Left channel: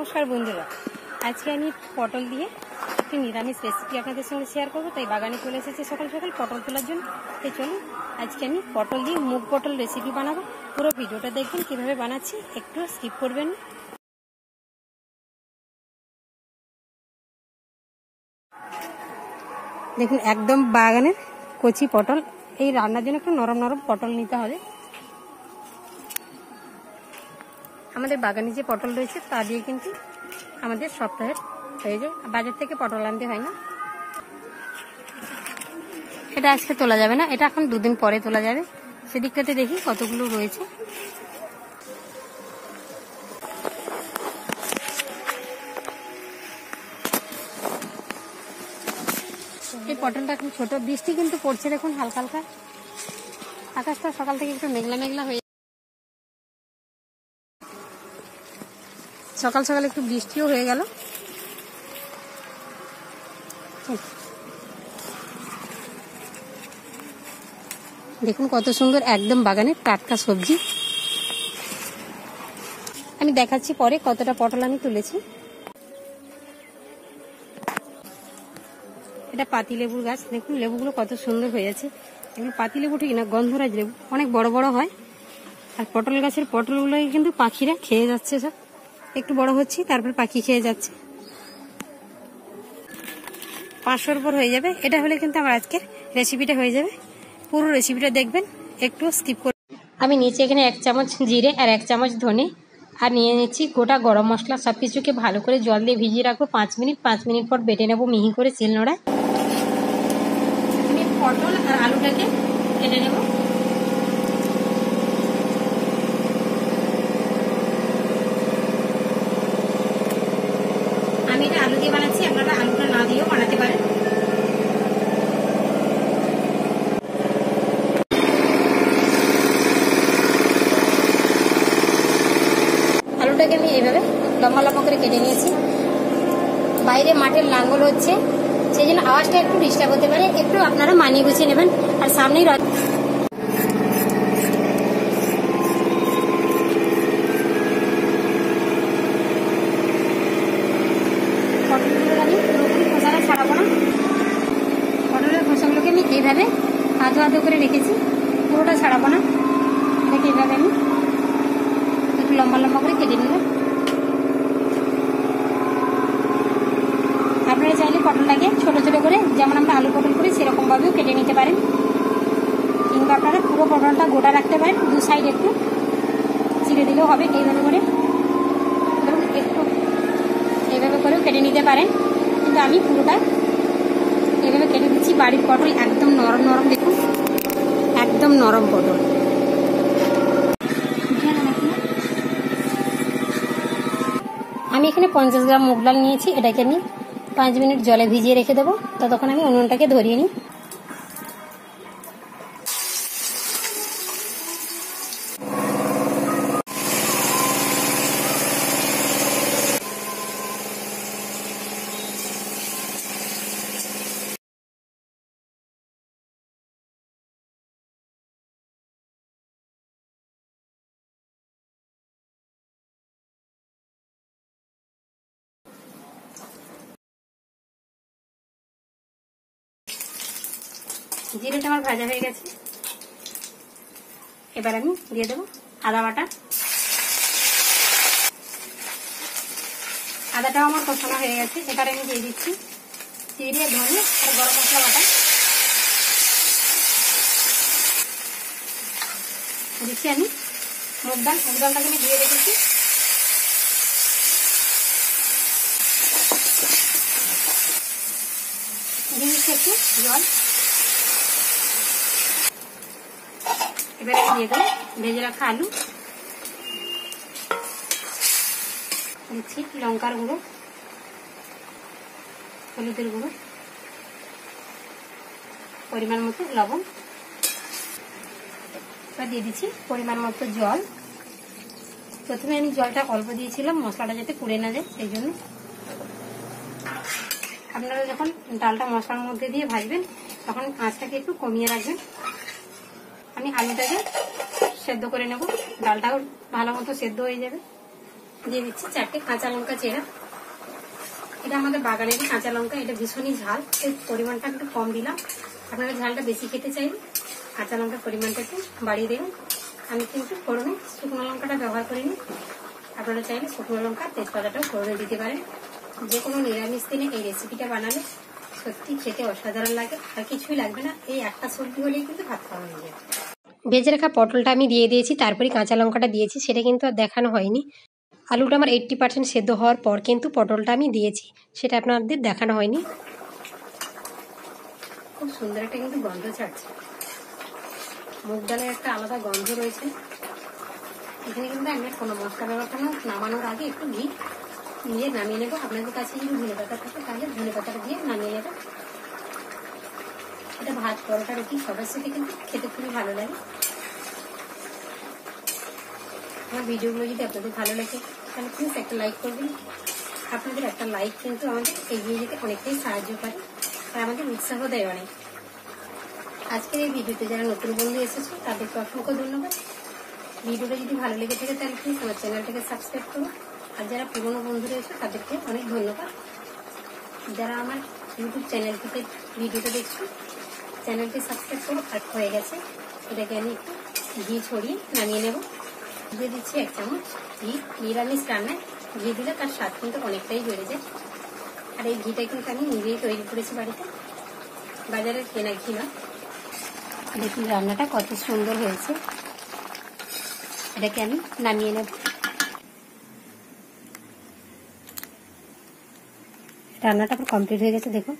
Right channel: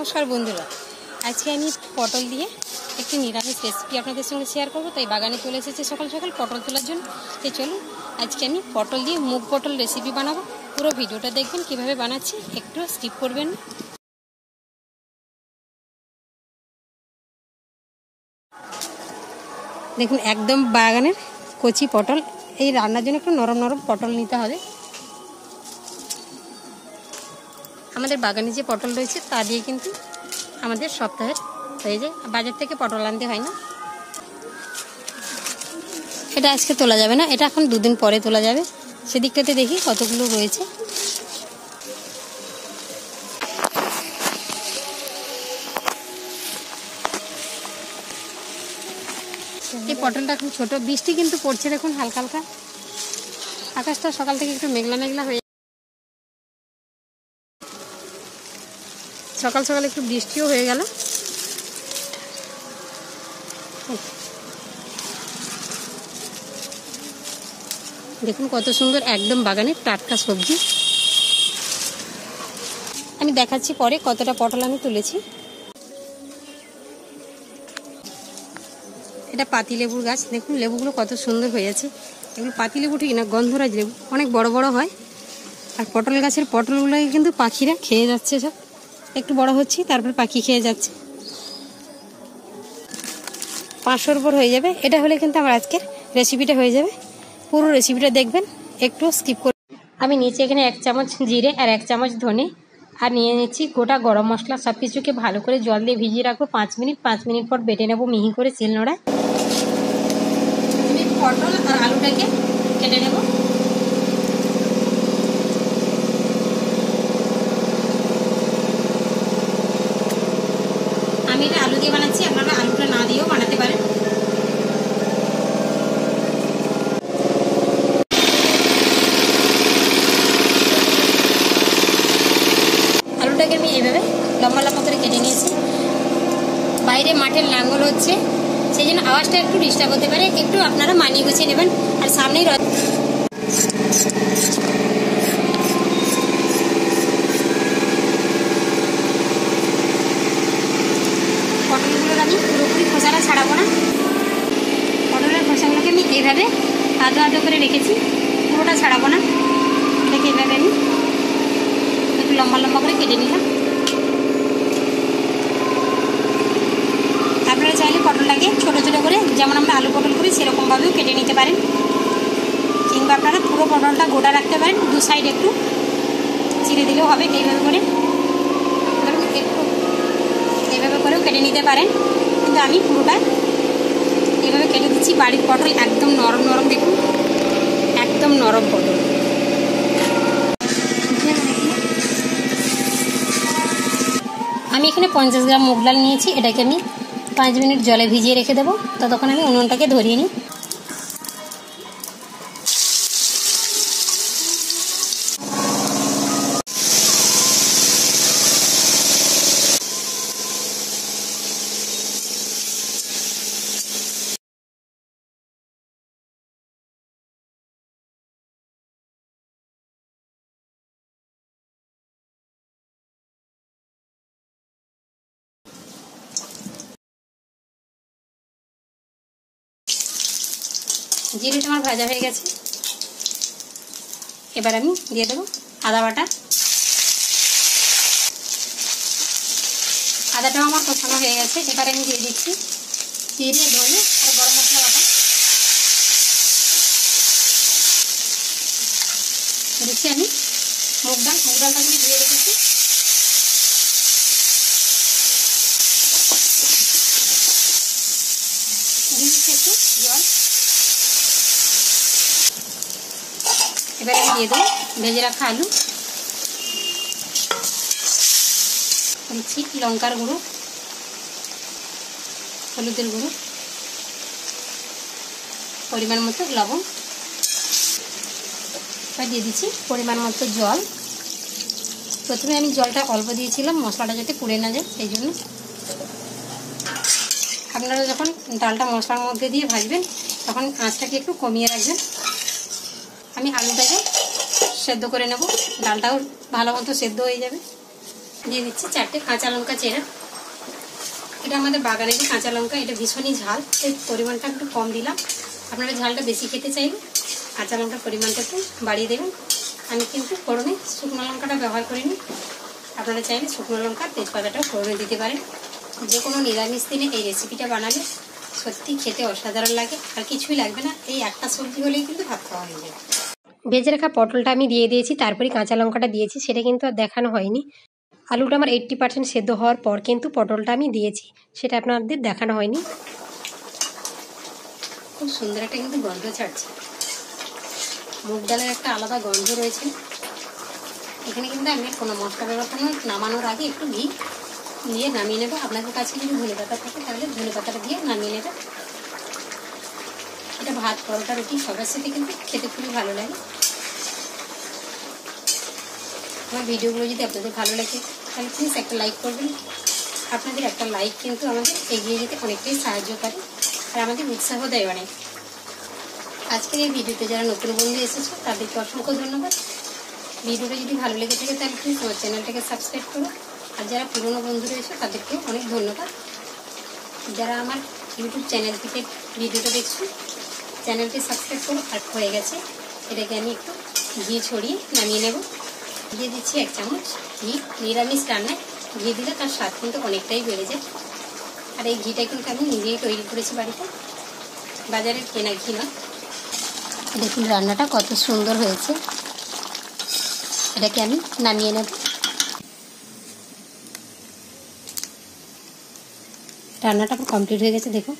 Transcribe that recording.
নমস্কার বন্ধুরা, আজকে আমি পটল দিয়ে একটি নিরামিষ রেসিপি আপনাদের সঙ্গে শেয়ার করব। তাই বাগানে চলে এসেছে সকাল সকাল পটল তোলার জন্য। তাই চলুন আজকে আমি পটল দিয়ে মুগ পটল রেসিপি বানাবো। পুরো ভিডিওটা দেখবেন কিভাবে বানাচ্ছি, একটু স্কিপ করবেন না। দেখুন একদম বাগানের কচি পটল। এই রান্নার জন্য একটু নরম নরম পটল নিতে হবে। আমাদের বাগানে যে পটল রয়েছে তা দিয়ে কিন্তু আমাদের সপ্তাহের হয়ে যায়, বাজার থেকে পটল আনতে হয় না। এটা আজকে তোলা যাবে না, এটা এখন দুদিন পরে তোলা যাবে। সেদিকটাতে দেখি কতগুলো রয়েছে। এই পটলটা এখন ছোট, বৃষ্টি কিন্তু পড়ছে দেখুন হালকা হালকা। আকাশটা সকাল থেকে একটু মেঘলা মেঘলা হয়ে, সকাল সকাল একটু বৃষ্টিও হয়ে গেল। দেখুন কত সুন্দর একদম বাগানের টাটকা সবজি। আমি দেখাচ্ছি পরে কতটা পটল আমি তুলেছি। এটা পাতিলেবুর গাছ, দেখুন লেবুগুলো কত সুন্দর হয়েছে। এগুলো পাতিলেবু ঠিক না, গন্ধরাজ লেবু, অনেক বড় বড় হয়। আর পটল গাছের পটলগুলোকে কিন্তু পাখিরা খেয়ে যাচ্ছে, সব একটু বড় হচ্ছে তারপর পাখি খেয়ে যাচ্ছে। 500-র উপর হয়ে যাবে। এটা হলে কিন্তু আমার আজকের রেসিপিটা হয়ে যাবে। পুরো রেসিপিটা দেখবেন, একটু স্কিপ করে। আমি নিচে এখানে 1 চামচ জিরে আর 1 চামচ ধনে আর নিয়ে নিচ্ছি গোটা গরম মশলা। সব কিছুকে ভালো করে জল দিয়ে ভিজিয়ে রাখবো 5 মিনিট। 5 মিনিট পর বেটে নেবো মিহি করে শিলনোড়ায়। আমি পটল আর আলুটাকে কেটে নেব। আমি এটা আলু দিয়ে বানাচ্ছি, আপনারা আলুটা না দিয়েও বানাতে পারেন। আলুটাকে আমি এইভাবে লম্বা লম্বা করে কেটে নিয়েছি। বাইরে মাঠের লাঙ্গল হচ্ছে, সেই জন্য আওয়াজটা একটু ডিস্টার্ব হতে পারে, একটু আপনারা মানিয়ে গুছিয়ে নেবেন। আর সামনেই পটলগুলোর আমি পুরোপুরি খোসাটা ছাড়াবো না। পটলের খোসাগুলোকে আমি এইভাবে আধো আধো করে রেখেছি, পুরোটা ছাড়াবো না। এটাকে এইভাবে আমি একটু লম্বা লম্বা করে কেটে নিলাম। আপনারা চাইলে পটলটাকে ছোট ছোট করে, যেমন আমরা আলু পটল করি সেরকমভাবেও কেটে নিতে পারেন, কিংবা আপনারা পুরো পটলটা গোটা রাখতে পারেন, দু সাইড একটু চিড়ে দিলেও হবে। এইভাবে করে ধরুন একটু এইভাবে করেও কেটে নিতে পারেন, কিন্তু আমি পুরোটা এইভাবে কেটে দিচ্ছি। বাড়ির পটল একদম নরম নরম, দেখুন একদম নরম পটল। আমি এখানে 50 গ্রাম মুগ ডাল নিয়েছি। এটাকে আমি 5 মিনিট জলে ভিজিয়ে রেখে দেবো। ততক্ষণ আমি উনুনটাকে ধরিয়ে নিই। জিরেটা আমার ভাজা হয়ে গেছে। এবার আমি দিয়ে দেবো আদা বাটা। আদাটাও আমার কষানো হয়ে গেছে। এবার আমি দিয়ে দিচ্ছি জিরে, ধনে আর গরম মশলা বাটা। দিচ্ছি আমি মুগ ডালটাকে আমি ধুয়ে রেখেছি। দিয়ে দিচ্ছি একটু জল। এবার আমি দিয়ে দেবো ভেজে রাখা আলু। দিচ্ছি লঙ্কার গুঁড়ো, হলুদের গুঁড়ো, পরিমাণ মতো লবণ। এবার দিয়ে দিচ্ছি পরিমাণ মতো জল। প্রথমে আমি জলটা অল্প দিয়েছিলাম মশলাটা যাতে পুড়ে না যায়, সেই জন্য। আপনারা যখন ডালটা মশলার মধ্যে দিয়ে ভাজবেন তখন আঁচটাকে একটু কমিয়ে রাখবেন। আমি আলুটাকে সেদ্ধ করে নেব, ডালটাও ভালো মতো সেদ্ধ হয়ে যাবে। দিয়ে দিচ্ছি 4টে কাঁচা লঙ্কা চেরা। এটা আমাদের বাগানেরই কাঁচা লঙ্কা, এটা ভীষণই ঝাল, এই পরিমাণটা একটু কম দিলাম। আপনারা ঝালটা বেশি খেতে চাইলে কাঁচা লঙ্কার পরিমাণটা একটু বাড়িয়ে দেবেন। আমি কিন্তু ফোড়নে শুকনো লঙ্কাটা ব্যবহার করিনি, আপনারা চাইলে শুকনো লঙ্কা তেজপাতাটা ফোড়নে দিতে পারেন। যে কোনো নিরামিষ দিনে এই রেসিপিটা বানালে সত্যি খেতে অসাধারণ লাগে, আর কিছুই লাগবে না, এই একটা সবজি হলেই কিন্তু ভাত খাওয়া হয়ে যায়। ভেজে রাখা পটলটা আমি দিয়ে দিয়েছি, তারপরে কাঁচা লঙ্কাটা দিয়েছি, সেটা কিন্তু আর দেখানো হয়নি। আলুটা আমার 80% সেদ্ধ হওয়ার পর কিন্তু পটলটা আমি দিয়েছি, সেটা আপনাদের দেখানো হয়নি। খুব সুন্দর একটা কিন্তু গন্ধ ছাড়ছে, মুগ ডালের একটা আলাদা গন্ধ রয়েছে। এখানে কিন্তু আমি কোনো মশলা ব্যবহার নামানোর আগে একটু ঘি দিয়ে নামিয়ে নেবো। আপনাদের কাছে যদি ধনেপাতা থাকে তাহলে ধনেপাতাটা দিয়ে নামিয়ে নেবে। এটা ভাত, পরোটা, রুটি সবার সাথে কিন্তু খেতে খুবই ভালো লাগে। আমার ভিডিওগুলো যদি আপনাদের ভালো লাগে তাহলে প্লিজ একটা লাইক করবেন। আপনাদের একটা লাইক কিন্তু আমাদের এগিয়ে যেতে অনেকটাই সাহায্য করে আর আমাদের উৎসাহ দেয় অনেক। আজকের এই ভিডিওতে যারা নতুন বন্ধু এসেছে তাদেরকে অসংখ্য ধন্যবাদ। ভিডিওটা যদি ভালো লেগে থাকে তাহলে প্লিজ আমার চ্যানেলটাকে সাবস্ক্রাইব করো, আর যারা পুরনো বন্ধু রয়েছে তাদেরকে অনেক ধন্যবাদ। যারা আমার ইউটিউব চ্যানেল থেকে ভিডিওটা দেখছো চ্যানেলটি সাবস্ক্রাইব করো। আর হয়ে গেছে, এটাকে আমি একটু ঘি ছড়িয়ে নামিয়ে নেব। দিয়ে দিচ্ছি 1 চামচ ঘি। নিরামিষ রান্নায় ঘি দিলে তার স্বাদ কিন্তু অনেকটাই বেড়ে যায়। আর এই ঘিটা কিন্তু আমি নিজেই তৈরি করেছি বাড়িতে, বাজারে কেনা ঘি না। দেখুন রান্নাটা কত সুন্দর হয়েছে, এটাকে আমি নামিয়ে নেব। রান্নাটা পুরো কমপ্লিট হয়ে গেছে, দেখুন।